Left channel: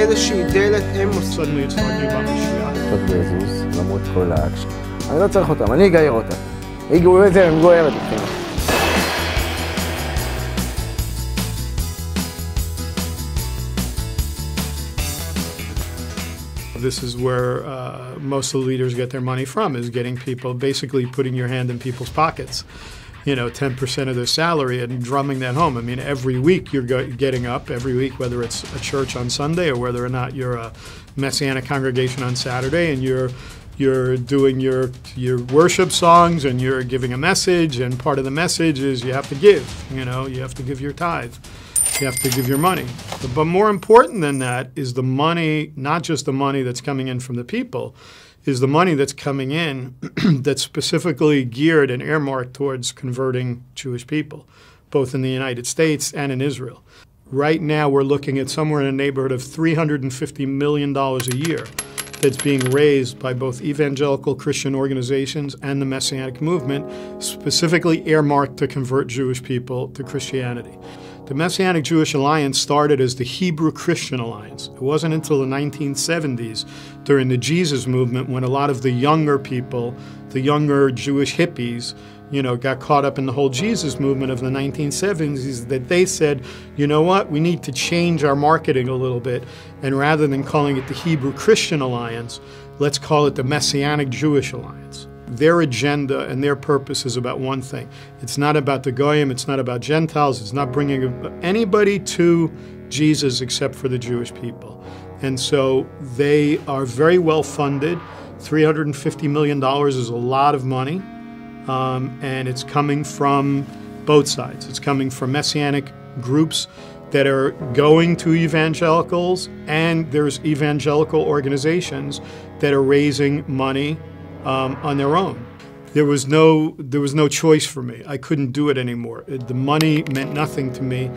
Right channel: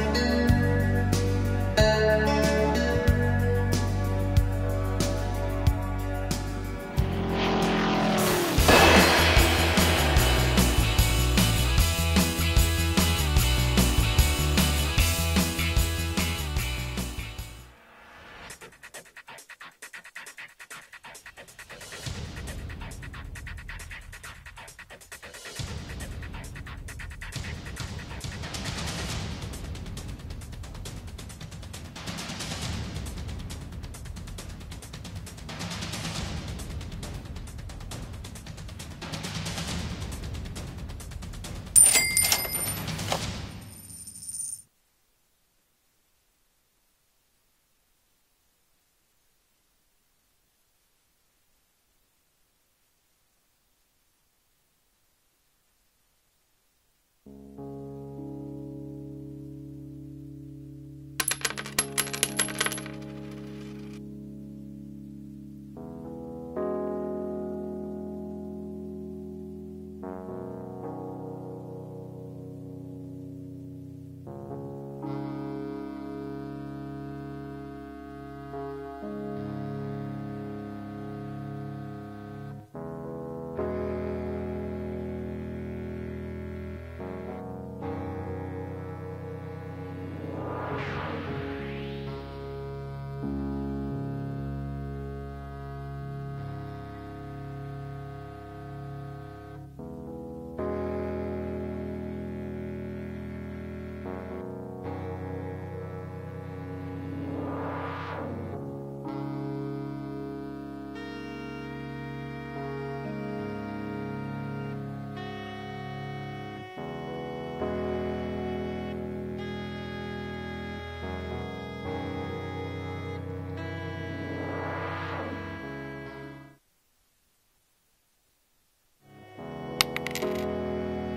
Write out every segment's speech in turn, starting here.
איזושהי דלת אמוס. למרות כל האקשן. אני לא צריך אותם, אני אגייר אותם. היא גוררת אותם. This is where most of the leaders get their money from, is getting people, basically putting your hand in people's pockets. 10% of their salary and drumming that home. I mean, every week you're getting up, every week, whether it's a church on Sunday or whether or not you're a Messianic congregation on Saturday, and you're doing your worship songs and you're giving a message, and part of the message is you have to give, you have to give your tithe. You have to give your money. But more important than that is the money, not just the money that's coming in from the people, is the money that's coming in that's specifically geared and earmarked towards converting Jewish people, both in the United States and in Israel. Right now we're looking at somewhere in the neighborhood of $350 million a year that's being raised by both evangelical Christian organizations and the Messianic movement, specifically earmarked to convert Jewish people to Christianity. The Messianic Jewish Alliance started as the Hebrew Christian Alliance. It wasn't until the 1970s, during the Jesus movement, when a lot of the younger people, the younger Jewish hippies, got caught up in the whole Jesus movement of the 1970s, that they said, you know what, we need to change our marketing a little bit, and rather than calling it the Hebrew Christian Alliance, let's call it the Messianic Jewish Alliance. Their agenda and their purpose is about one thing. It's not about the Goyim, it's not about Gentiles, it's not bringing anybody to Jesus except for the Jewish people. And so they are very well funded. $350 million is a lot of money, and it's coming from both sides. It's coming from Messianic groups that are going to evangelicals, and there's evangelical organizations that are raising money on their own. There was no choice for me. I couldn't do it anymore. The money meant nothing to me.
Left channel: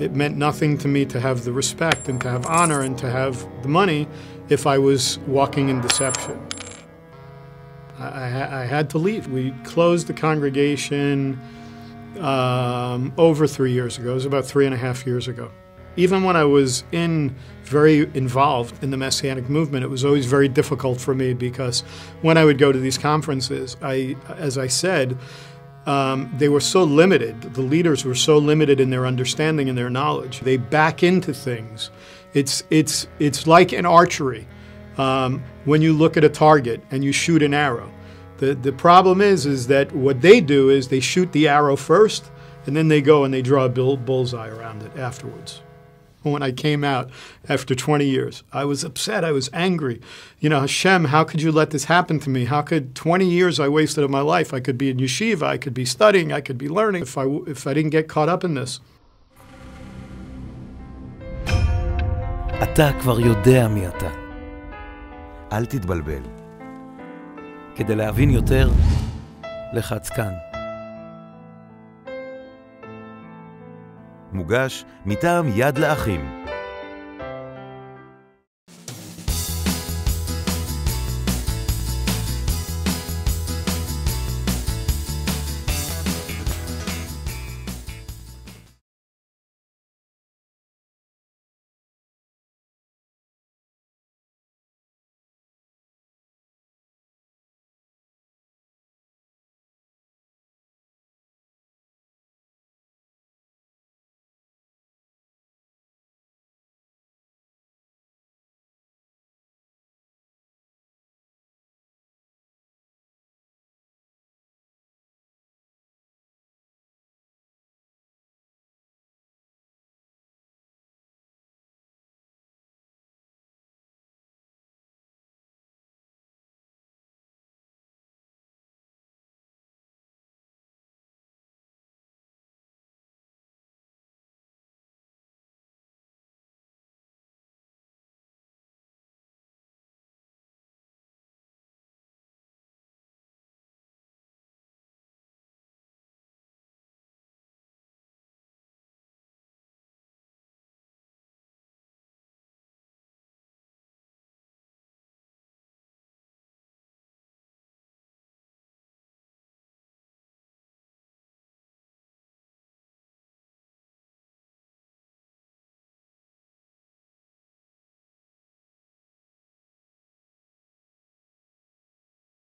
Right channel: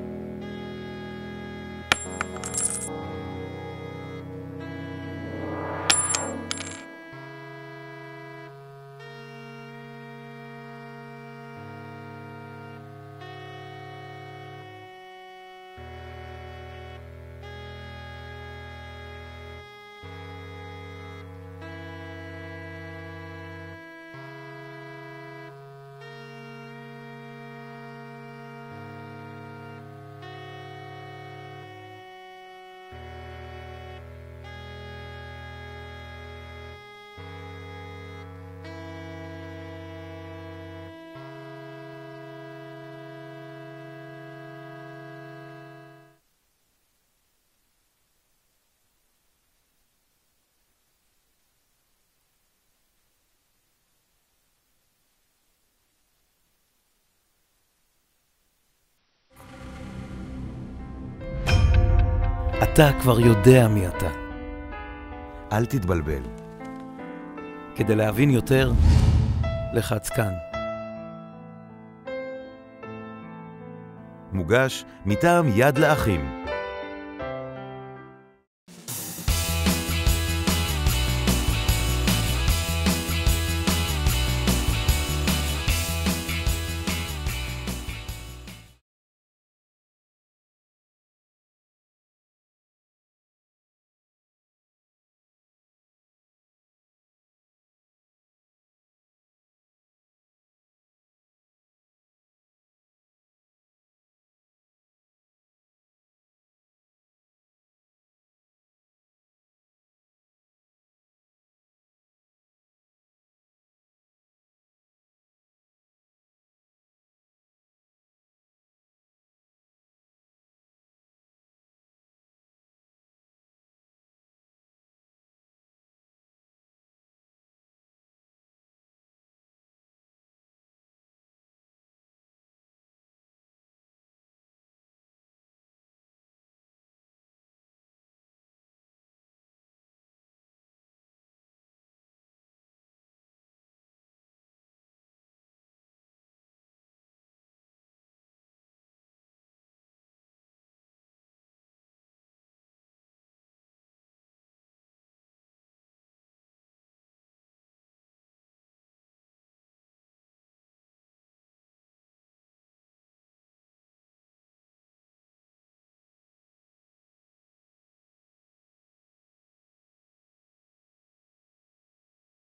It meant nothing to me to have the respect and to have honor and to have the money if I was walking in deception. I had to leave. We closed the congregation over 3 years ago. It was about 3.5 years ago. Even when I was very involved in the Messianic movement, it was always very difficult for me, because when I would go to these conferences, as I said, they were so limited. The leaders were so limited in their understanding and their knowledge. They back into things. It's like in archery. When you look at a target and you shoot an arrow, the problem is that what they do is they shoot the arrow first, and then they go and they draw a bullseye around it afterwards. When I came out after 20 years, I was upset, I was angry. Hashem, how could you let this happen to me? How could 20 years I wasted of my life? I could be in yeshiva, I could be studying, I could be learning if I didn't get caught up in this. אתה כבר יודע מי אתה. אל תתבלבל. כדי להבין יותר, לחץ כאן. מוגש מטעם יד לאחים.